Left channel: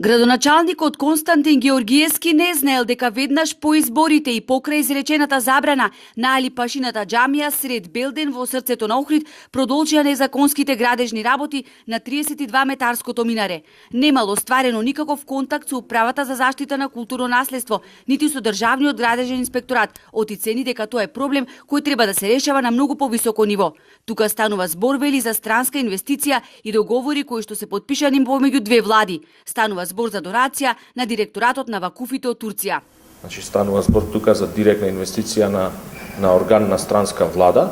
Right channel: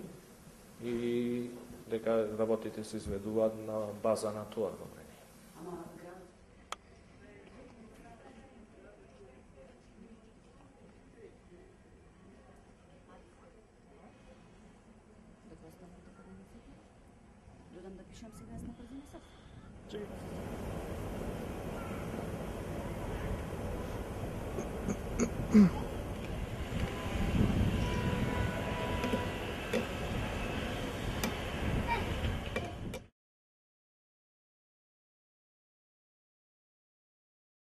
Градоначалникот Константин Георгиевски не знаел дека веднаш по изборите и покрај изречената забрана на Алипашината џамија сред Белден во срцето на Охрид продолжија незаконските градежни работи на 32-метарското минаре. Немало стварено никаков контакт со Управата за заштита на културно наследство, нити со Државниот градежен инспекторат, оцени дека тоа е проблем кој треба да се решава на многу повисоко ниво. Тука станува збор вели за странска инвестиција и договори кои што се потпишани помеѓу две влади. Станува збор за донација на директоратот на вакуфите од Турција. Значи станува збор тука за директна инвестиција на орган на странска влада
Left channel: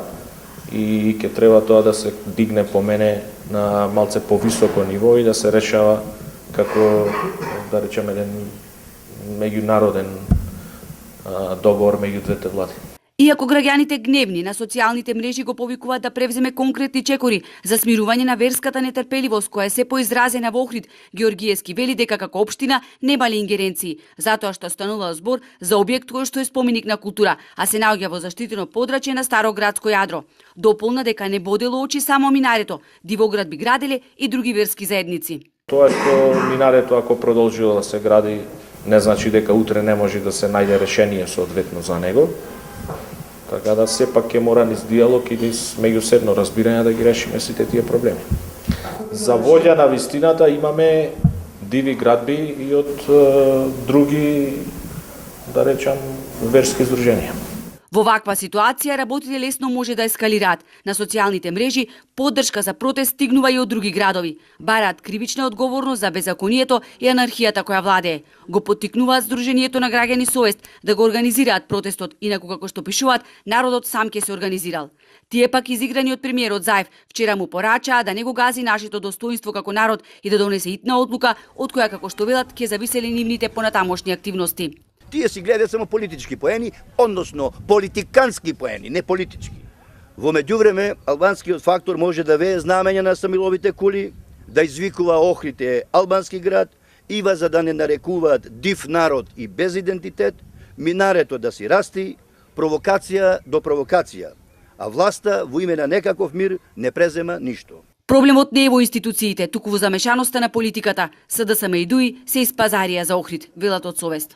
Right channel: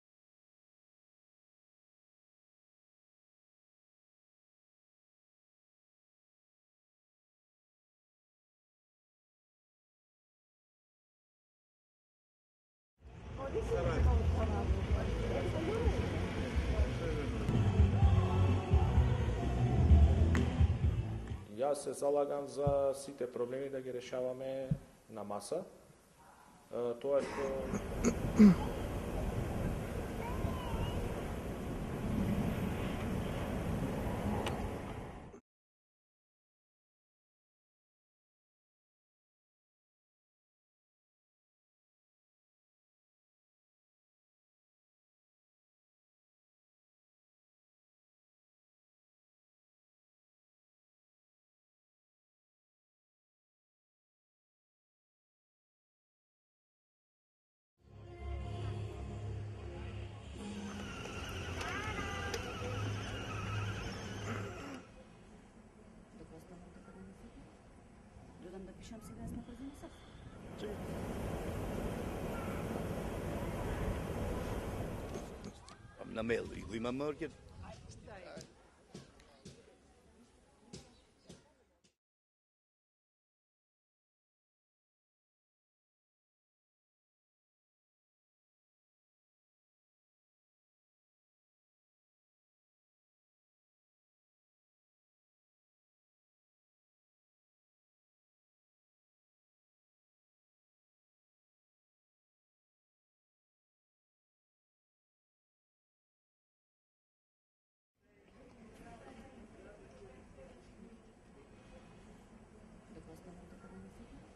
и ќе треба тоа да се дигне по мене на малце повисоко ниво и да се решава како, да речеме, еден меѓународен договор меѓу двете влади. Иако граѓаните гневни на социјалните мрежи го повикуваат да превземе конкретни чекори за смирување на верската нетрпеливост која е се поизразена во Охрид, Георгиевски вели дека како општина немале ингеренции, затоа што станува збор за објект кој што е споменик на култура, а се наоѓа во заштитено подрачје на Староградско јадро. Дополна дека не бодело очи само минарето, Дивоград би граделе и други верски заедници. Тоа што минарето ако продолжило да се гради не значи дека утре не може да се најде решение соодветно за него. Така да сепак ќе мора низ диалог и низ меѓусебно разбирање да ги решиме сите тие проблеми. За волја на вистината имаме диви градби и од други, да речам, верски здруженија. Во ваква ситуација работите лесно може да ескалираат. На социјалните мрежи поддршка за протест стигнува и од други градови. Бараат кривична одговорност за беззаконието и анархијата која владее. Го поттикнуваат Сдруженијето на граѓани совест да го организираат протестот, инаку како што пишуваат, народот сам ќе се организирал. Тие пак изиграни од премиерот Заев, вчера му порачаа да не го гази нашето достоинство како народ и да донесе итна одлука, од која како што велат ќе зависеле нивните понатамошни активности. Тие си гледаат само политички поени, односно политикански поени, не политички. Во меѓувреме, албанскиот фактор може да вее знамења на Самиловите кули, да извикува Охрид е албански град, ива за да не нарекуваат див народ и без идентитет, минарето да си расти, провокација до провокација, а власта во име на некаков мир не презема ништо. Проблемот не е во институциите, туку во замешаноста на политиката. СДСМ и ДУИ се испазарија за Охрид, велат од совест.